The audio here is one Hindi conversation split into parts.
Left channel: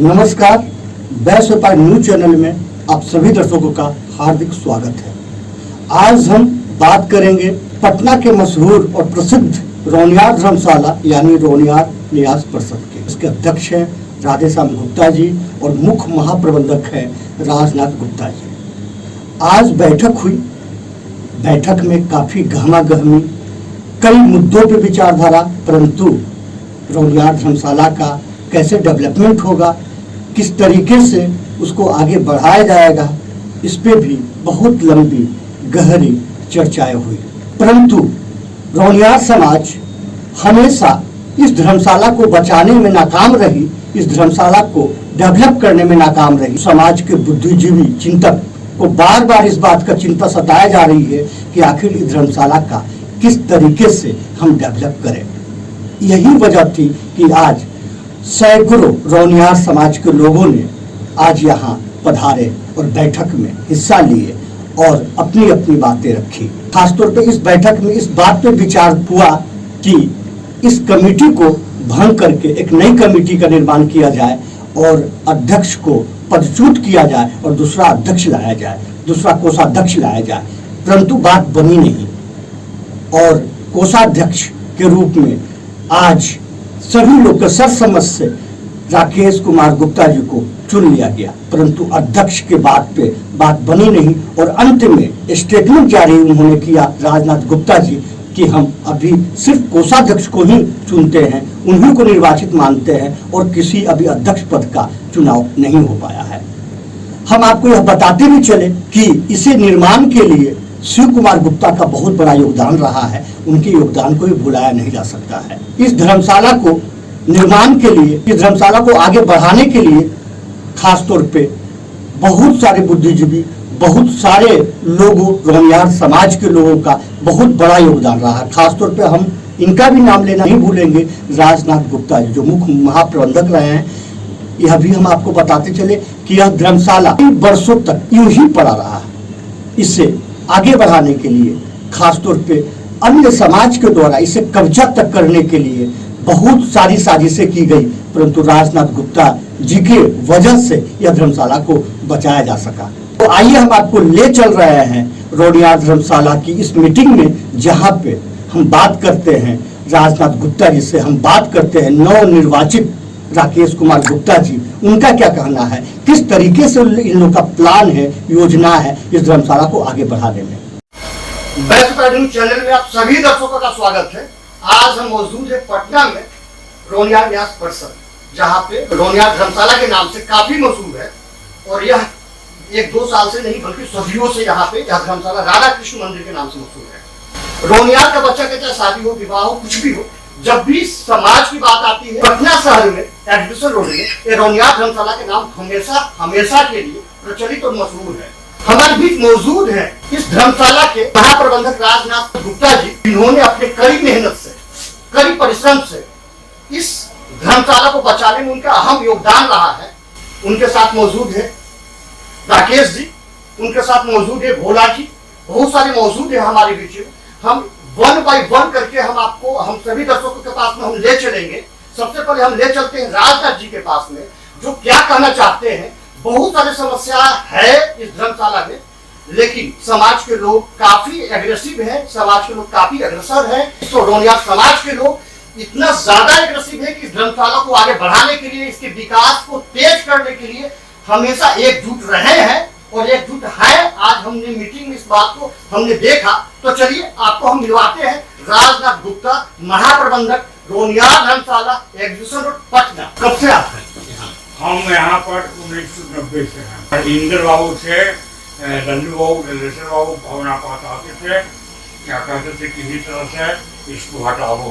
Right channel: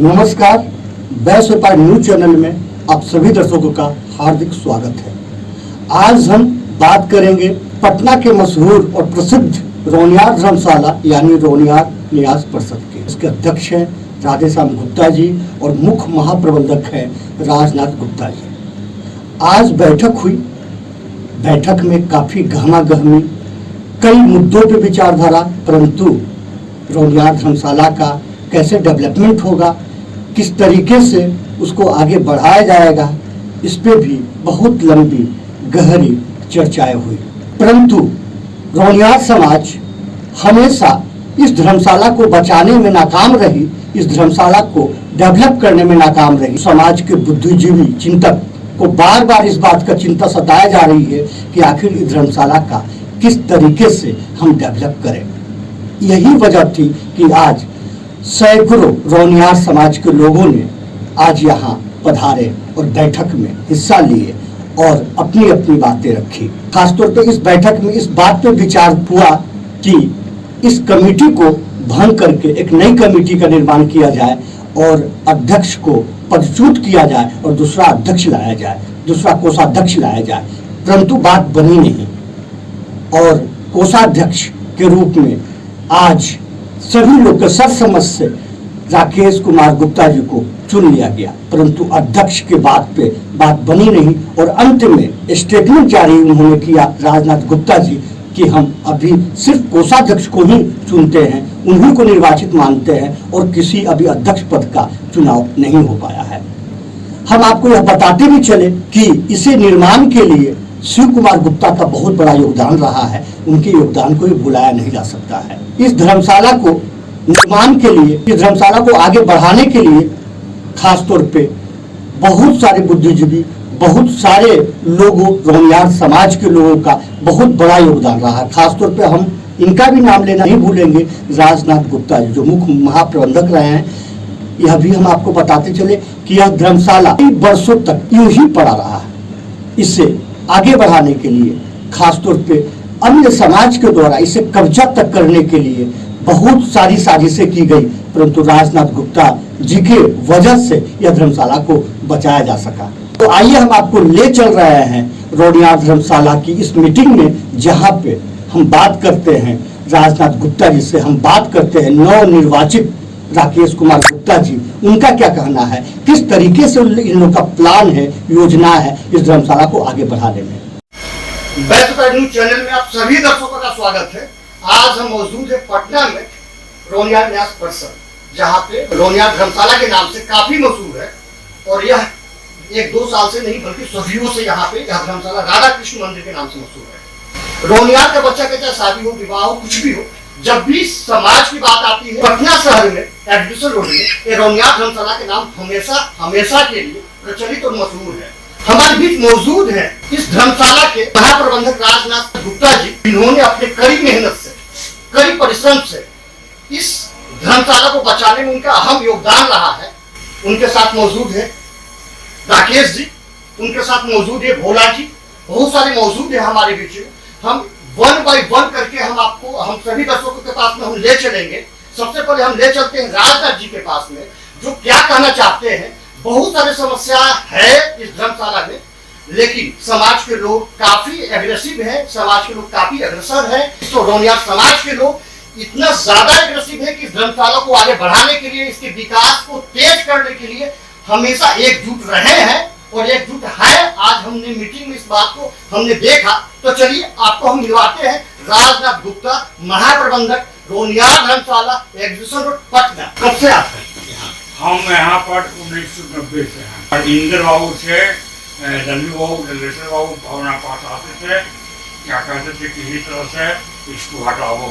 नमस्कार, बैस व्यापार न्यूज चैनल में आप सभी दर्शकों का हार्दिक स्वागत है। आज हम बात करेंगे पटना के मशहूर और प्रसिद्ध रोनियार धर्मशाला यानी रोनियार न्यास परिषद के। इसके अध्यक्ष हैं राधेश्याम गुप्ता जी और मुख्य महाप्रबंधक हैं राजनाथ गुप्ता जी। आज बैठक हुई। बैठक में काफी गहमा-गहमी, कई मुद्दों पर विचारधारा, परंतु रोनियार धर्मशाला का कैसे डेवलपमेंट होगा, किस तरीके से उसको आगे बढ़ाया जाएगा, इस पे भी बहुत लंबी गहरी चर्चाएं हुई। परंतु रोनियार समाज हमेशा इस धर्मशाला को बचाने में नाकाम रही, इस धर्मशाला को डेवलप करने में नाकाम रही। समाज के बुद्धिजीवी चिंतक को बार बार इस बात का चिंता सताया जा रही है कि आखिर इस धर्मशाला का किस तरीके से हम डेवलप करें। यही वजह थी कि आज सैकड़ों रोनियार समाज के लोगों ने आज यहाँ पधारे और बैठक में हिस्सा लिए और अपनी अपनी बातें रखी। खासतौर पे इस बैठक में इस बात पे विचार हुआ कि इस कमेटी को भंग करके एक नई कमेटी का निर्माण किया जाए और अध्यक्ष को पदच्युत किया जाए और दूसरा अध्यक्ष लाया जाए, दूसरा कोषाध्यक्ष लाया जाए। परंतु बात बनी नहीं और कोषाध्यक्ष के रूप में आज सभी लोग के सर्वसम्मति से राकेश कुमार गुप्ता जी को चुन लिया गया। परंतु अध्यक्ष के बात पे बात बनी नहीं और अंत में स्टेटमेंट जारी उन्होंने किया राजनाथ गुप्ता जी कि हम अभी सिर्फ कोषाध्यक्ष को ही चुनते हैं, उन्हीं को निर्वाचित मानते हैं और किसी अभी अध्यक्ष पद का चुनाव नहीं हो पाया है। हम आपको यह बताते भी चले कि इसे निर्माण के लिए शिव कुमार गुप्ता का बहुत बड़ा योगदान रहा है। उनके योगदान को भी भुलाया नहीं जा सकता है। इस धर्मशाला को निर्माण के लिए, इस धर्मशाला को आगे बढ़ाने के लिए खासतौर पे बहुत सारे बुद्धिजीवी, बहुत सारे लोगों, रोनियार समाज के लोगों का बहुत बड़ा योगदान रहा है। खासतौर पे हम इनका भी नाम लेना नहीं भूलेंगे, राजनाथ गुप्ता जी जो मुख्य महाप्रबंधक रहे हैं। यह भी हम आपको बताते चले कि यह धर्मशाला कई वर्षों तक यूं ही पड़ा रहा। इसे आगे बढ़ाने के लिए खासतौर पे अन्य समाज के द्वारा इसे कब्जा तक करने के लिए बहुत सारी साजिशें की गई, परंतु राजनाथ गुप्ता जी के वजह से यह धर्मशाला को बचाया जा सका। तो आइए हम आपको ले चल रहे हैं रोनियार धर्मशाला की इस मीटिंग में, जहां पे हम बात करते हैं राजनाथ गुप्ता जी से, हम बात करते हैं नवनिर्वाचित राकेश कुमार गुप्ता जी, उनका क्या कहना है, किस तरीके से इन लोगों का प्लान है, योजना है इस धर्मशाला को आगे बढ़ाने में। बैस व्यापार न्यूज चैनल में आप सभी दर्शकों का स्वागत है। आज हम मौजूद है पटना में रोनियार न्यास परिषद, जहाँ पे रोनियार धर्मशाला के नाम से काफी मशहूर है और यह 1-2 साल से नहीं बल्कि सदियों से यहाँ पे यह धर्मशाला राधा कृष्ण मंदिर के नाम से मशहूर है। रोनियार का बच्चा के चाहे शादी हो, विवाह हो, कुछ भी हो, जब भी समाज की बात आती है पटना शहर में एडमिशन रोड में रोनियार धर्मशाला के नाम हमेशा के लिए प्रचलित और मशहूर है। हमारे बीच मौजूद है इस धर्मशाला के महाप्रबंधक राजनाथ गुप्ता जी, जिन्होंने अपने कड़ी मेहनत से, कड़ी परिश्रम से इस धर्मशाला को बचाने में उनका अहम योगदान रहा है। उनके साथ मौजूद है राकेश जी, उनके साथ मौजूद है भोला जी, बहुत सारे मौजूद है हमारे बीच में। हम 1 बाय 1 करके हम सभी दर्शकों के पास में हम ले चलेंगे। सबसे पहले हम ले चलते हैं राजनाथ जी के पास में, जो क्या कहना चाहते हैं। बहुत सारी समस्या है इस धर्मशाला में, लेकिन समाज के लोग काफी एग्रेसिव है, समाज के लोग काफी अग्रसर है। तो रोनियार समाज के लोग इतना ज्यादा एग्रेसिव है कि इस धर्मशाला को आगे बढ़ाने के लिए, इसके विकास को तेज करने के लिए हमेशा एकजुट रहे हैं और एकजुट है। आज हमने मीटिंग में इस बात को हमने देखा। तो चलिए आपको हम मिलवाते हैं राजनाथ गुप्ता, महाप्रबंधक रोनियार धर्मशाला, एग्जीबिशन रोड, पटना। कब से आते हैं? हम यहाँ पर 1990 से हैं। इंद्र बाबू से डल्लू बाबू, डल्लेश्वर बाबू भावना पास आते थे, क्या कहते थे किसी तरह से इसको हटाओ।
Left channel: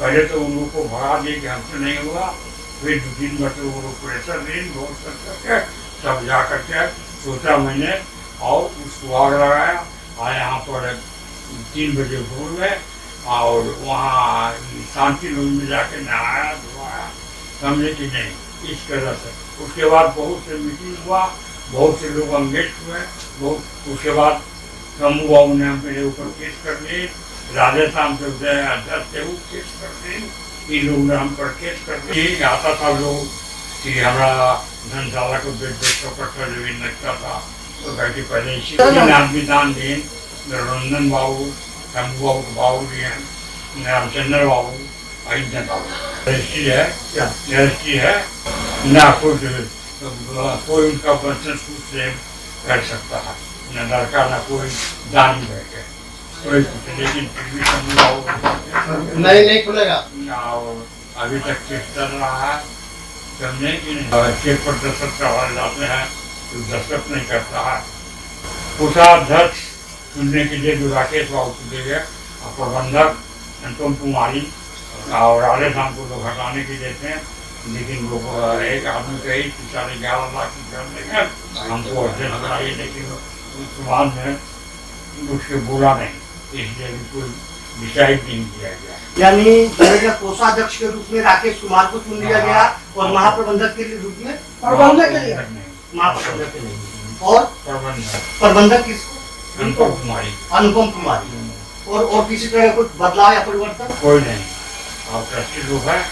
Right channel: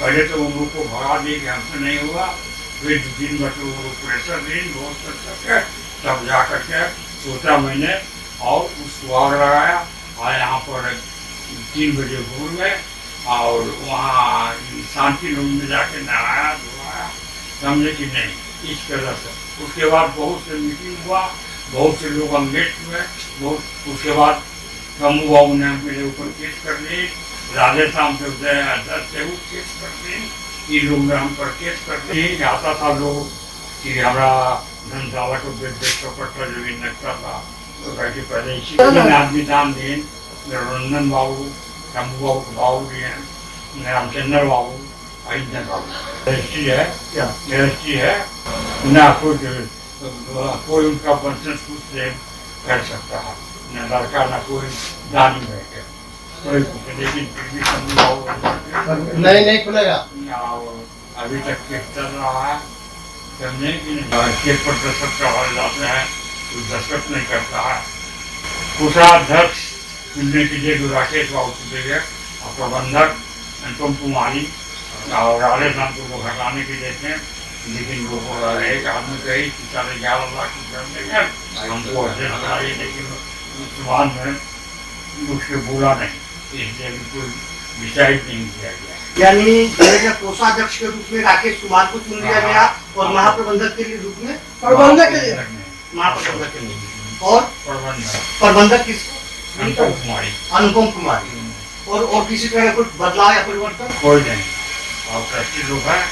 पहले तो उन लोग को भगा दिए कि हमसे नहीं हुआ, फिर 2-3 मतलब वो प्रेशर दी बहुत करके, तब जा करके सोचा मैंने और उसको आग लगाया। और यहाँ पर 3 बजे भोर में और वहाँ शांति रूम में जाके नहाया धोया, समझे कि नहीं इस तरह से। उसके बाद बहुत से मीटिंग हुआ, बहुत से लोग अंगेज हुए। बहुत उसके बाद कमू बाबू ने मेरे ऊपर केस कर दी, राधेश्याम से अध्यक्ष केस कर दी, इन लोग ने हम पर केस कर दी। आता था लोग कि हमारा धर्मशाला को 150 कट्ठा जमीन लगता था, तो कह के पहले इसी तीन आदमी दान दिए, रंजन बाबू, शंभू बाबू के बाबू जी हैं, रामचंद्र बाबू, अहिंदर बाबू। रजिस्ट्री है क्या? रजिस्ट्री है ना, कोई उनका वंशज खुद से कर सकता है, न लड़का न कोई दानी बैठे कोई कुछ, लेकिन फिर भी शंभू बाबू नहीं खुलेगा। और अभी तक चेक चल रहा है, समझे कि नहीं? चेक पर दस्तखत करवाए जाते हैं, तो दस्तखत नहीं करता है। कोषाध्यक्ष चुनने के लिए जो राकेश बाबू चुने गए और प्रबंधक अनुपम कुमारी और आले शाम को लोग हटाने के लिए थे, लेकिन लोग एक आदमी कही कि 11.5 लाख की कर देंगे हमको अध्यक्ष कराइए, लेकिन उस बाद में मुझसे बोला नहीं, इसलिए भी कोई डिसाइड नहीं किया गया। यानी कोषाध्यक्ष के रूप में राकेश कुमार को चुन लिया गया और महाप्रबंधक के रूप में प्रबंधक के लिए महाप्रबंधक के नहीं, और प्रबंधक किसको? अनुपम कुमारी। और किसी तरह कुछ बदलाव या परिवर्तन? कोई नहीं। और ट्रस्टी लोग हैं,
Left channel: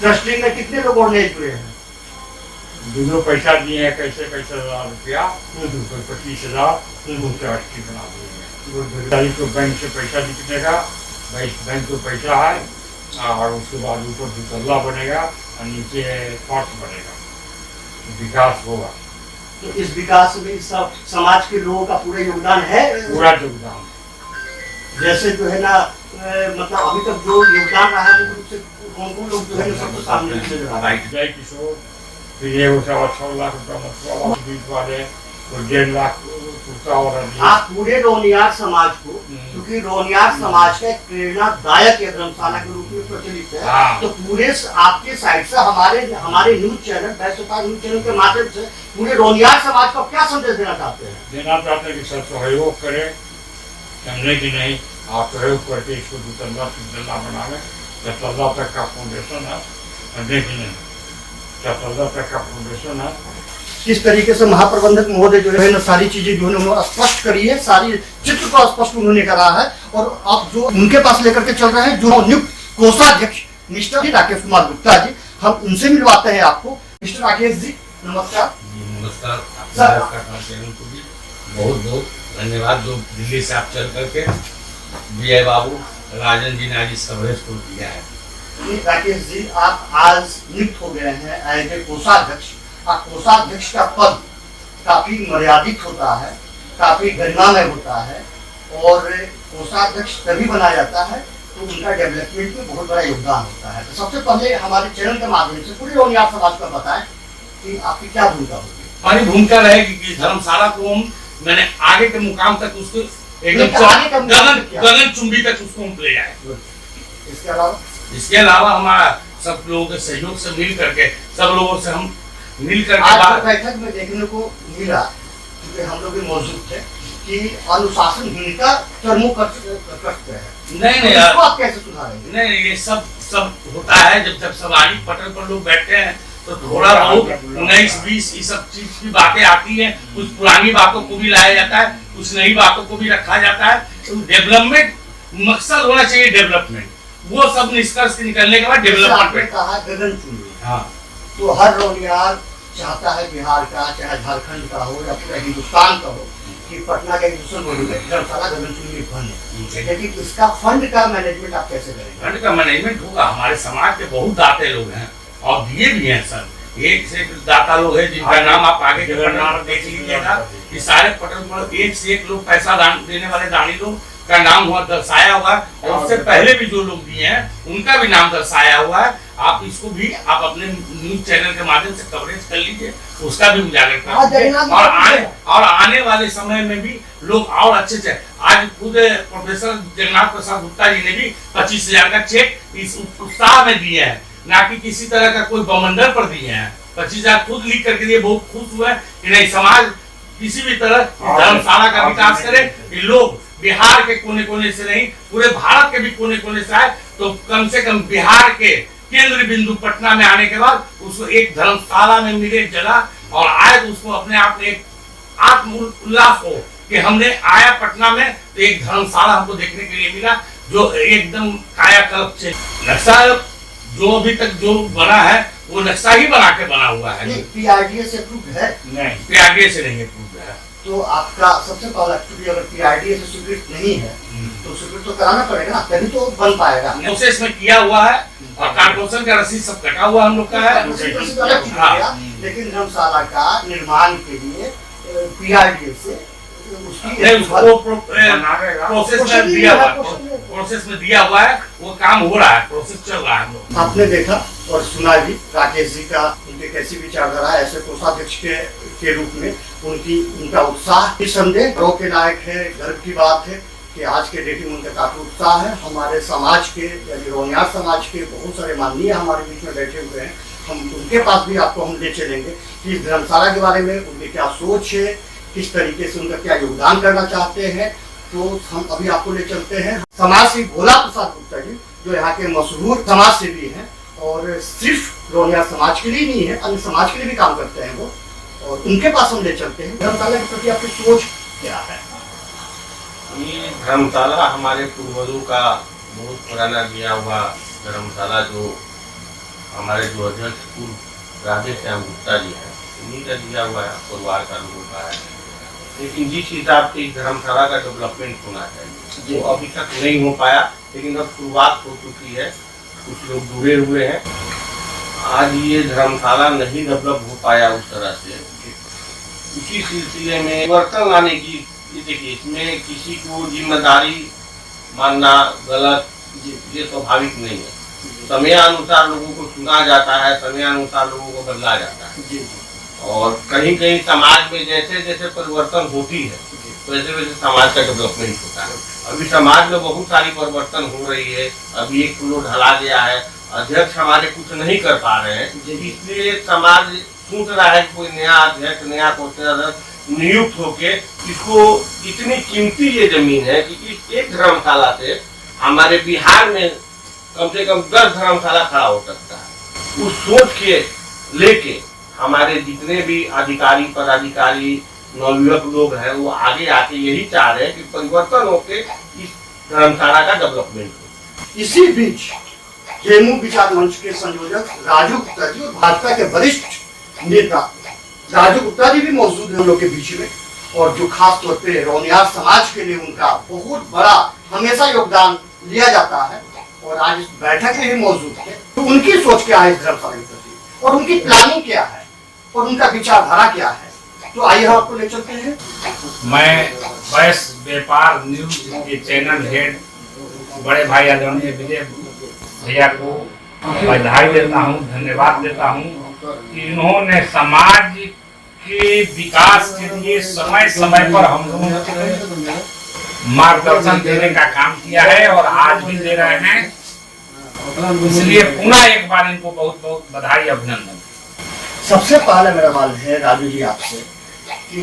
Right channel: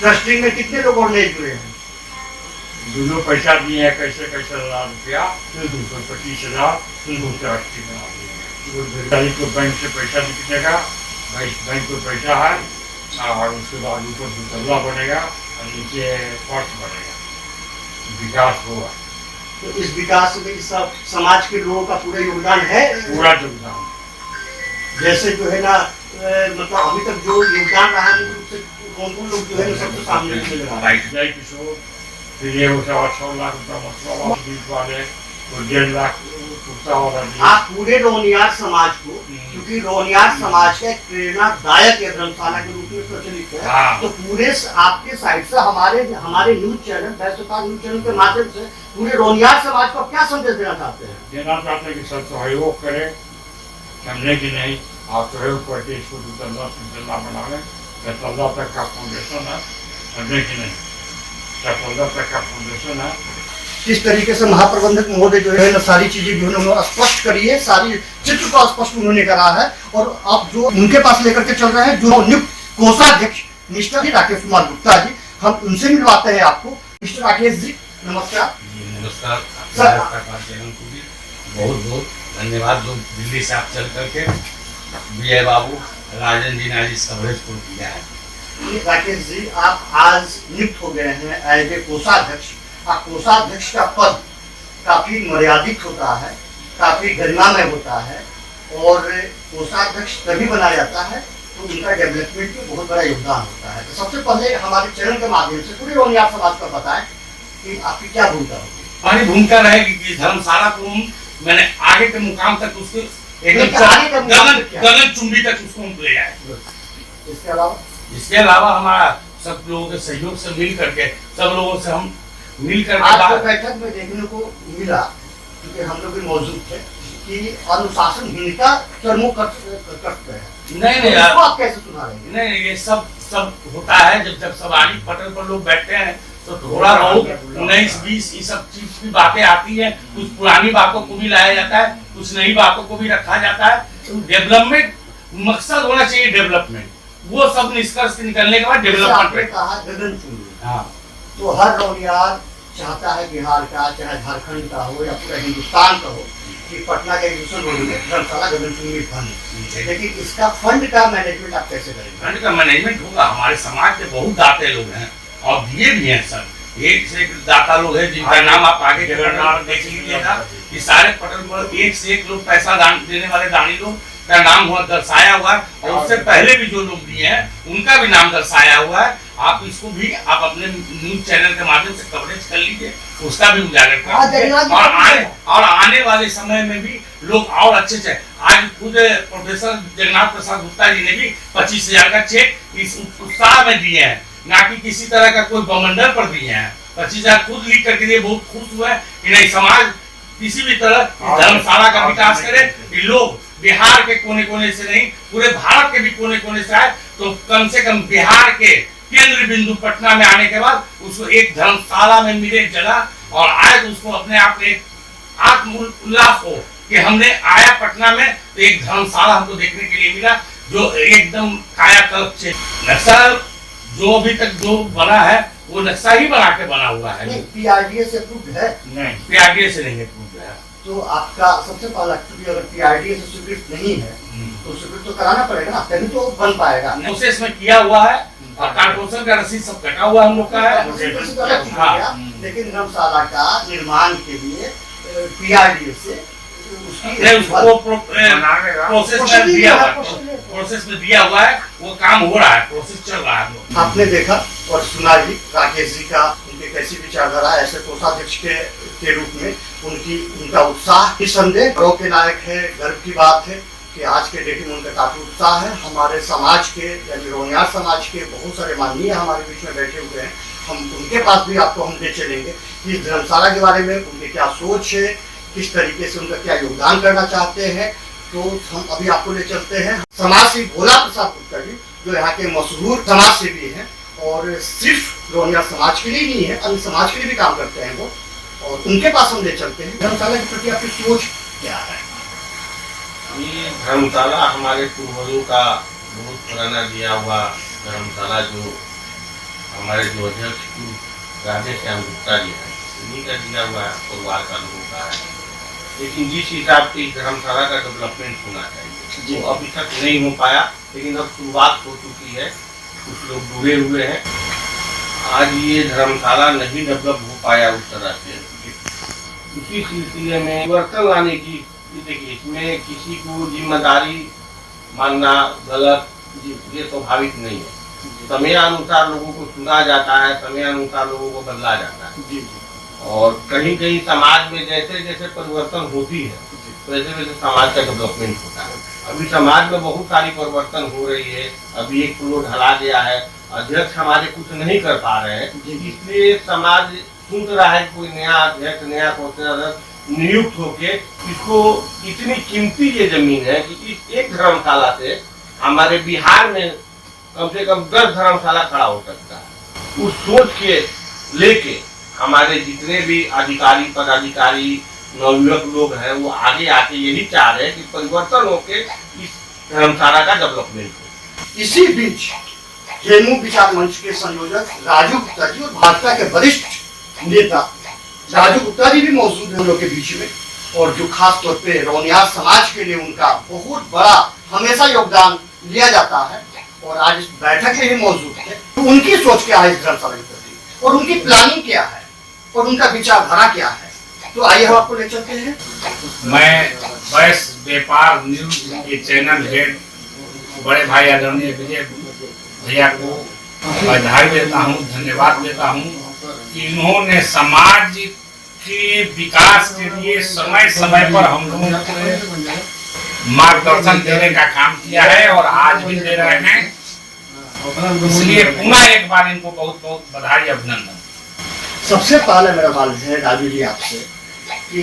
ट्रस्टी में कितने लोग और नए जुड़े हैं? जो पैसा दिए हैं, कैसे 1000 रुपया, कोई 25,000 ट्रस्टी बना दिए को बैंक से पैसा निकलेगा, बैंक को पैसा है, और उसके बाद ऊपर 2 तल्ला बनेगा और नीचे फर्श बनेगा, विकास होगा। तो इस विकास में सब समाज के लोगों का पूरा योगदान है? पूरा योगदान। जैसे जो है ना, मतलब अभी तक जो योगदान रहा है उससे कौन लोग जो है ना सबको सामने जय किशोर, फिर ये 6 लाख रुपया मसला बीच वाले, तो 1.5 लाख कुर्ता और आप पूरे रोनियार समाज को, क्योंकि रोनियार समाज का एक प्रेरणादायक है, धर्मशाला के रूप में प्रचलित है। हाँ। तो पूरे आपके साइड से हमारे न्यूज चैनल बैसुता न्यूज चैनल के माध्यम से पूरे रोनियार समाज को क्या संदेश देना चाहते हैं? देना चाहते हैं कि सब सहयोग करें, समझे कि नहीं? आप सहयोग करके इसको 2 तल्ला 3 तल्ला बनावे, 10 तल्ला तक का फाउंडेशन है, समझे कि नहीं? 10 तल्ला तक का फाउंडेशन है। किस तरीके से महाप्रबंधक महोदय जो है ना सारी चीजें जो है उन्होंने स्पष्ट करी है, सारी चित्र को स्पष्ट उन्होंने करा है, और आप जो उनके पास लेकर के चल रहे हैं, जो नियुक्त कोषाध्यक्ष मिस्टर राकेश कुमार गुप्ता जी, हम उनसे मिलवाते हैं आपको। मिस्टर राकेश जी नमस्कार। नमस्कार सर। चैनल को भी बहुत बहुत धन्यवाद, जो दिल्ली से आप चल करके विजय बाबू राजन जी ने आज इस कवरेज को दिया है। राकेश जी, आप आज नियुक्त हो गए हैं एज ए कोषाध्यक्ष। कोषाध्यक्ष का पद काफी मर्यादित होता है, काफी गरिमामय होता है, और कोषाध्यक्ष तभी बनाया जाता है तो उनका डेवलपमेंट में बहुत बड़ा योगदान होता है। तो सबसे पहले हमारे चैनल के माध्यम से पूरे रोनियार समाज को बताएं कि आपकी क्या भूमिका होगी। हमारी भूमिका रहेगी कि धर्मशाला को हम मैंने आगे के मुकाम तक उसको एकदम गगन चुंबी तक उसको हम ले जाए। इसके अलावा हमारा सब लोगों के सहयोग से मिल करके, सब लोगों से हम मिल करके आज बैठक में देखने को मिला, क्योंकि हम लोग भी मौजूद थे, कि अनुशासनहीनता चरमों कष्ट है। नहीं इसको आप कैसे सुधारेंगे? नहीं, ये सब होता है जब सवारी पटल पर लोग बैठते हैं तो थोड़ा बहुत 19-20 ये सब चीज की बातें आती है, कुछ पुरानी बातों को भी लाया जाता है, कुछ नई बातों को भी रखा जाता है। तो डेवलपमेंट मकसद होना चाहिए, डेवलपमेंट, वो सब निष्कर्ष निकलने के बाद डेवलपमेंट कहा गगन चुंबी। हाँ, तो हर रोनियार चाहता है बिहार का, चाहे झारखंड का हो या पूरा हिंदुस्तान का हो, कि पटना का धर्मशाला गगन चुंबी बने, लेकिन इसका फंड का मैनेजमेंट आप कैसे करेंगे? फंड का मैनेजमेंट होगा। हमारे समाज के बहुत दाते लोग हैं और दिए भी हैं सर, एक से एक दाता लोग हैं जिनका नाम आप आगे के पटल देख लीजिएगा। कि सारे पटल पर एक से एक लोग पैसा दान देने वाले दानी लोग का नाम हुआ दर्शाया हुआ है, और उससे पहले भी जो लोग दिए हैं उनका भी नाम दर्शाया हुआ है। आप इसको भी आप अपने न्यूज चैनल के माध्यम से कवरेज कर लीजिए, उसका भी उजागर करें, और आने वाले समय में भी लोग और अच्छे से। आज खुद प्रोफेसर जगन्नाथ प्रसाद गुप्ता जी ने भी 25,000 का चेक इस उत्साह में दिए हैं, ना कि किसी तरह का कोई बमंडर पर दिए हैं। 25,000 खुद लिख करके दिए, बहुत खुश हुए कि नहीं, समाज किसी भी तरह धर्मशाला का विकास करे, कि लोग बिहार के कोने कोने से नहीं, पूरे भारत के भी कोने कोने से आए, तो कम से कम बिहार के केंद्र बिंदु पटना में आने के बाद उसको एक धर्मशाला में मिले जगह, और आए तो उसको अपने आप में एक आत्म उल्लास हो कि हमने आया पटना में तो एक धर्मशाला हमको देखने के लिए मिला, जो एकदम कायाकल्प से। नक्शा जो अभी तक जो बना है वो नक्शा ही बना के बना हुआ है। नहीं, PRDA से अप्रूव है? नहीं, PRDA से नहीं अप्रूव है। तो आपका सबसे पहला एक्चुअली अगर PRDA से स्वीकृत नहीं है तो स्वीकृत तो कराना पड़ेगा ना, तभी तो बन पाएगा। प्रोसेस में किया हुआ है और कारपोरेशन का रसीद सब कटा हुआ हम लोग का है। प्रोसेस तो अलग चीज हो गया, लेकिन धर्मशाला का निर्माण के लिए PRDA से उसकी नहीं, उसको बनाएगा। प्रोसेस में दिया हुआ है, वो काम हो रहा है, प्रोसेस चल रहा है हम लोग। आपने देखा और सुना भी राकेश जी का, उनके कैसी विचारधारा, ऐसे कोषाध्यक्ष के रूप में उनका उत्साह निसंदेह गर्व के लायक है। गर्व की बात है कि आज के डेट में उनका काफी उत्साह है। हमारे समाज के यानी रोनियार समाज के बहुत सारे माननीय हमारे बीच में बैठे हुए हैं, हम उनके पास भी आपको हम ले चलेंगे कि धर्मशाला के बारे में उनकी क्या सोच है, किस तरीके से उनका क्या योगदान करना चाहते हैं। तो हम अभी आपको ले चलते हैं समाज सेवी भोला प्रसाद गुप्ता जी, जो यहाँ के मशहूर समाज सेवी हैं और सिर्फ रोनियार समाज के लिए नहीं है, अन्य समाज के लिए भी काम करते हैं वो, और उनके पास हम ले चलते हैं। धर्मशाला के प्रति आपकी सोच क्या है? ये धर्मशाला हमारे पूर्वजों का बहुत पुराना दिया हुआ धर्मशाला, जो हमारे जो अध्यक्ष पूर्व राधेश्याम गुप्ता जी हैं, उन्हीं का दिया हुआ है, परिवार का लोगों का है। लेकिन जिस हिसाब से धर्मशाला का डेवलपमेंट होना चाहिए वो अभी तक नहीं हो पाया, लेकिन अब शुरुआत हो चुकी है, कुछ लोग जुड़े हुए हैं। आज ये धर्मशाला नहीं डेवलप हो पाया उस तरह से, इसी सिलसिले में परिवर्तन लाने की, देखिए इसमें किसी को जिम्मेदारी मानना गलत, ये स्वाभाविक नहीं है। समयानुसार लोगों को चुना जाता है, समयानुसार लोगों को बदला जाता है, और कहीं कहीं समाज में जैसे जैसे परिवर्तन होती है वैसे वैसे समाज का डेवलपमेंट होता है। अभी समाज में बहुत सारी परिवर्तन हो रही है, अभी एक फ्लो ढला गया है, अध्यक्ष हमारे कुछ नहीं कर पा रहे हैं, इसलिए समाज सोच रहा है कि कोई नया अध्यक्ष, नया कोषाध्यक्ष नियुक्त होके, इसको इतनी कीमती ये जमीन है कि इस एक धर्मशाला से हमारे बिहार में कम से कम 10 धर्मशाला खड़ा हो सकता है। उस सोच के लेके हमारे जितने भी अधिकारी, पदाधिकारी, नवयुवक लोग हैं, वो आगे आके यही चाह रहे हैं कि परिवर्तन होके इस धर्मशाला का डेवलपमेंट हो। इसी बीच जेएमयू विचार मंच के संयोजक राजू गुप्ता जी और भाजपा के वरिष्ठ नेता राजू गुप्ता जी भी मौजूद हैं हम लोग के बीच में, और जो खास तौर पे रोनियार समाज के लिए उनका बहुत बड़ा हमेशा योगदान लिया जाता है, और आज इस बैठक में भी मौजूद है। तो उनकी सोच क्या है इस धर्मशाला के प्रति, और उनकी प्लानिंग क्या है, और उनका विचारधारा क्या है, तो आइए हम आपको ले चलते हैं। मैं वैश्य व्यापार न्यूज के चैनल हेड बड़े भाई आदरणीय विजय भैया को बधाई देता हूँ, धन्यवाद देता हूँ कि इन्होंने समाज के विकास के लिए समय समय पर हम लोगों को मार्गदर्शन देने का काम किया है और आज भी दे रहे हैं, इसलिए पुनः एक बार इनको बहुत बहुत बधाई, अभिनंदन। सबसे पहले मेरा सवाल है राजू जी आपसे कि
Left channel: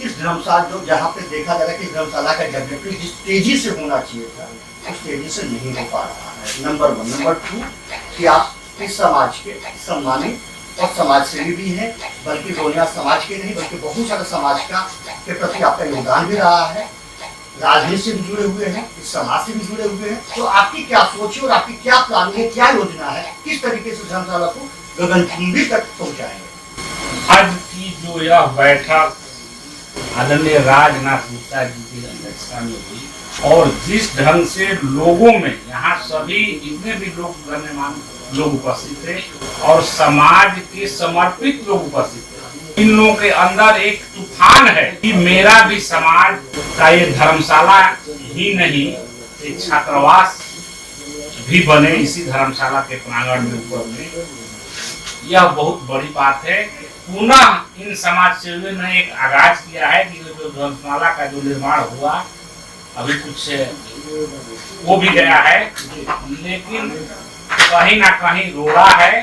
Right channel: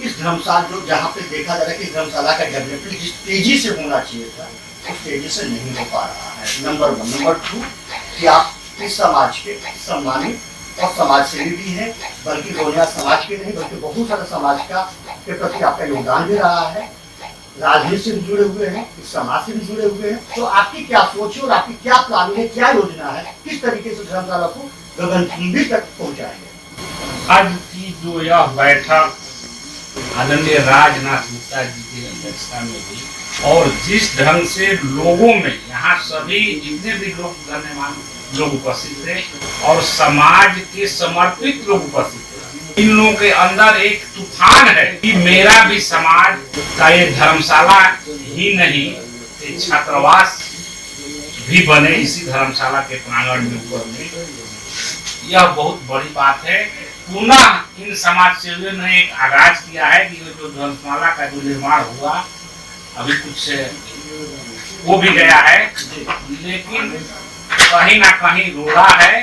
इस धर्मशाला जो जहाँ पे देखा जा रहा है कि धर्मशाला का डेवलपमेंट जिस तेजी से होना चाहिए था उस तेजी से नहीं हो पा रहा है, नंबर 1। नंबर 2 कि आप इस समाज के सम्मानित और समाज सेवी भी हैं, बल्कि रोनियार समाज के नहीं बल्कि बहुत सारे समाज के प्रति आपका योगदान भी रहा है, राजनीति से भी जुड़े हुए हैं, इस समाज से भी जुड़े हुए हैं। तो आपकी क्या सोच है और आपकी क्या प्लानिंग है, क्या योजना है, किस तरीके से धर्मशाला को गगनचुंबी तक पहुंचाएंगे? आज की जो यह बैठक आदरणीय राजनाथ गुप्ता जी की अध्यक्षता में हुई, और जिस ढंग से लोगों में, यहाँ सभी जितने भी लोग गण्यमान्य लोग उपस्थित थे और समाज के समर्पित लोग उपस्थित थे, इन लोगों के अंदर एक तूफान है कि मेरा भी समाज का ये धर्मशाला ही नहीं, एक छात्रावास भी बने इसी धर्मशाला के प्रांगण में ऊपर में, यह बहुत बड़ी बात है। पुनः इन समाज सेवियों ने एक आगाज किया है कि जो धर्मशाला का जो निर्माण हुआ अभी कुछ हो भी गया है, लेकिन कहीं ना कहीं रोड़ा है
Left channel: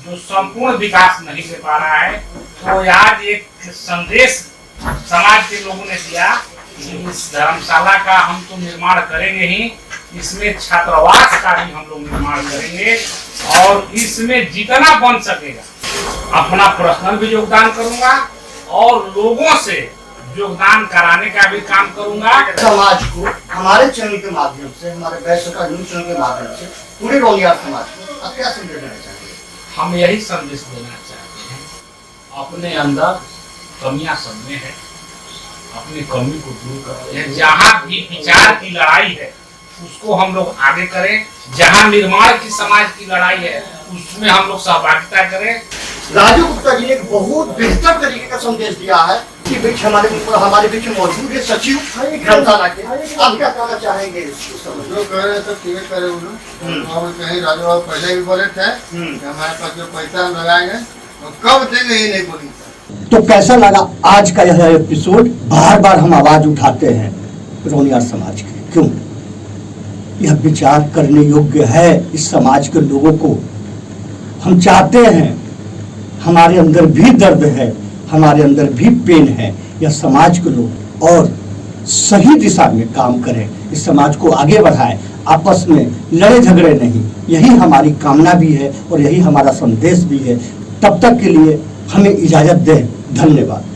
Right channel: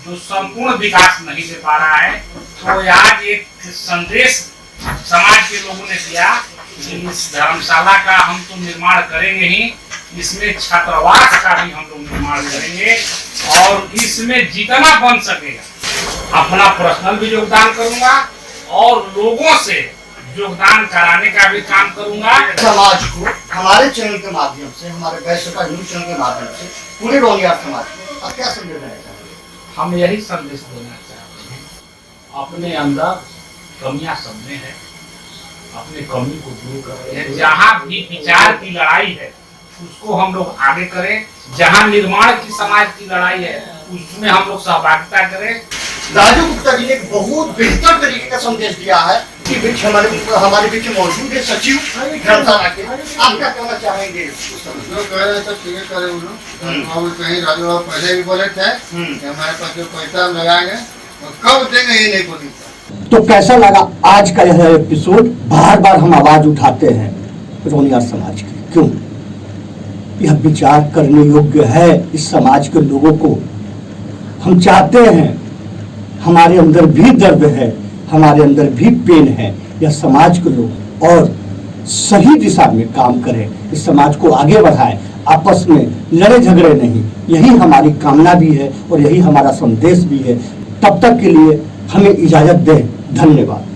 जो संपूर्ण विकास नहीं दे पा रहा है। तो आज एक संदेश समाज के लोगों ने दिया कि इस धर्मशाला का हम तो निर्माण करेंगे ही, इसमें छात्रावास का भी हम लोग निर्माण करेंगे, और इसमें जितना बन सकेगा अपना पर्सनल भी योगदान करूंगा और लोगों से योगदान कराने का भी काम करूंगा। समाज को हमारे चैनल के माध्यम से, हमारे वैश्य न्यूज चैनल के माध्यम से पूरे रोनियार समाज को आप क्या संदेश देना चाहेंगे? हम यही संदेश देना चाहते हैं, अपने अंदर कमियां सब में है, अपनी कमी को दूर करें। जहाँ भी विचार की लड़ाई है उसको हम लोग आगे करें, जहाँ निर्माण की समाज की लड़ाई है उसमें हम लोग सहभागिता करें। राजू गुप्ता जी ने एक बहुत बेहतर तरीके का संदेश दिया है कि बीच हमारे बीच मौजूद है सचिव धर्मशाला के, आप क्या कहना चाहेंगे इस समय? जो कह रहे तो ठीक करे और कहीं राजू बाबू पहले भी बोले थे कि हमारे पास जो पैसा हम लगाएंगे वो कब देंगे ये नहीं बोली। तो कैसा लगा आज का यह एपिसोड? बार बार हम आवाज उठाते हैं रौनियार समाज की, क्यों? यह विचार करने योग्य है इस समाज के लोगों को। हम चाहते हैं, हमारे अंदर भी दर्द है, हमारे अंदर भी पेन है, यह समाज के लोग और सही दिशा में काम करें, इस समाज को आगे बढ़ाएं, आपस में लड़े झगड़े नहीं। यही हमारी कामना भी है और यही हमारा संदेश भी है। तब तक के लिए हमें इजाजत दें। धन्यवाद।